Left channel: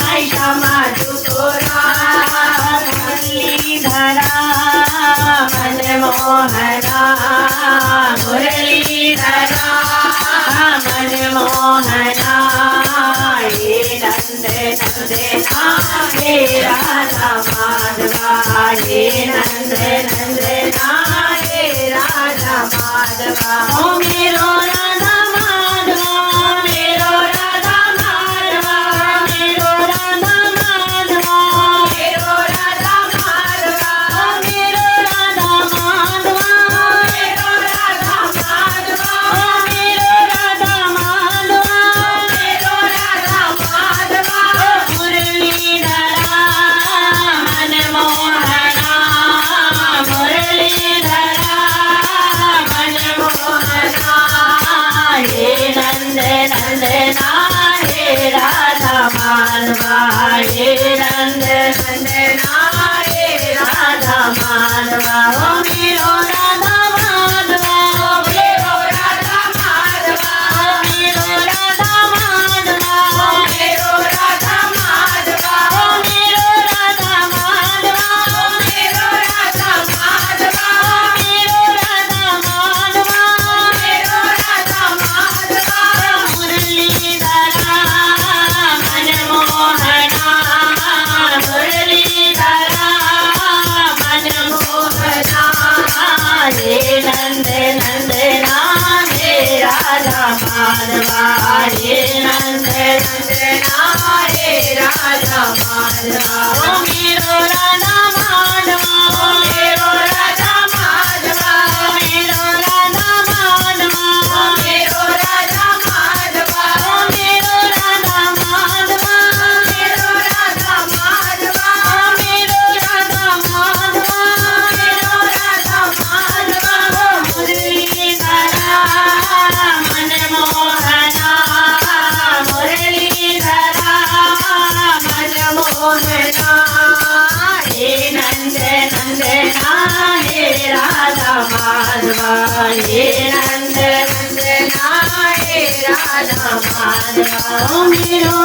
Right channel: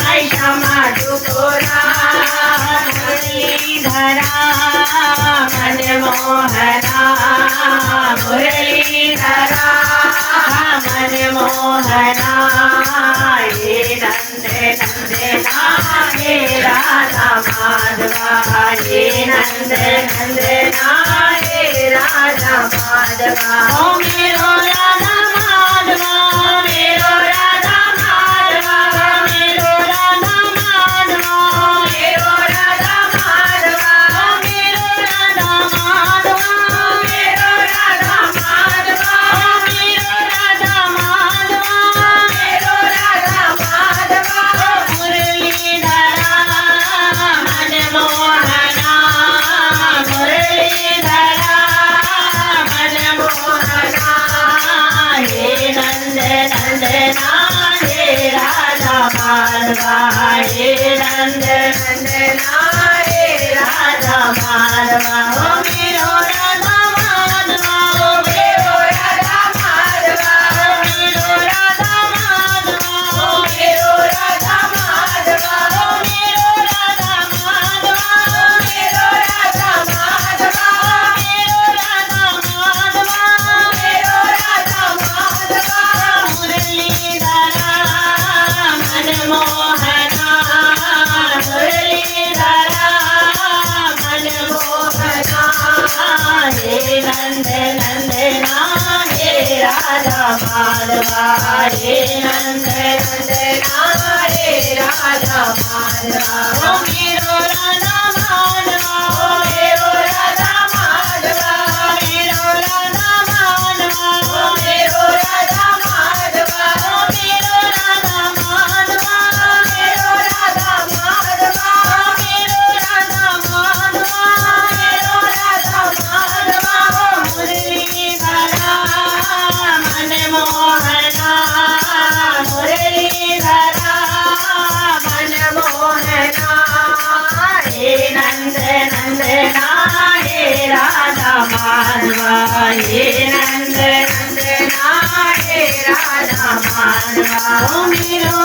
माई श्यामा टुकोरा मुरलीधरा मनमोहना मुरलीधरा मनमोहना हे नंद नंदना हे राधा माधवा हे नंद नंदना हे राधा माधवा ओ मेरो राधा माधवा मेरो राधा माधवा मेरो राधा माधवा मेरो राधा माधवा मेरो राधा माधवा मेरो राधा माधवा मेरो राधा माधवा मेरो राधा माधवा मुरलीधरा मनमोहना मुरलीधरा मनमोहना हे नंद नंदना हे राधा माधवा हे नंद नंदना हे राधा माधवा ओ मेरो राधा माधवा मेरो राधा माधवा मेरो राधा माधवा मेरो राधा माधवा मेरो राधा माधवा मेरो राधा माधवा मेरो राधा माधवा मेरो राधा माधवा मुरलीधरा मनमोहना मुरलीधरा मनमोहना हे नंद नंदना हे राधा माधवा हे नंद नंदना हे राधा माधवा ओ मेरो राधा माधवा मेरो राधा माधवा मेरो राधा माधवा मेरो राधा माधवा मेरो राधा माधवा मेरो राधा माधवा मेरो राधा माधवा मेरो राधा माधवा मुरलीधरा मनमोहना मुरलीधरा मनमोहना हे नंद नंदना हे राधा माधवा हे नंद नंदना हे राधा माधवा ओ मेरो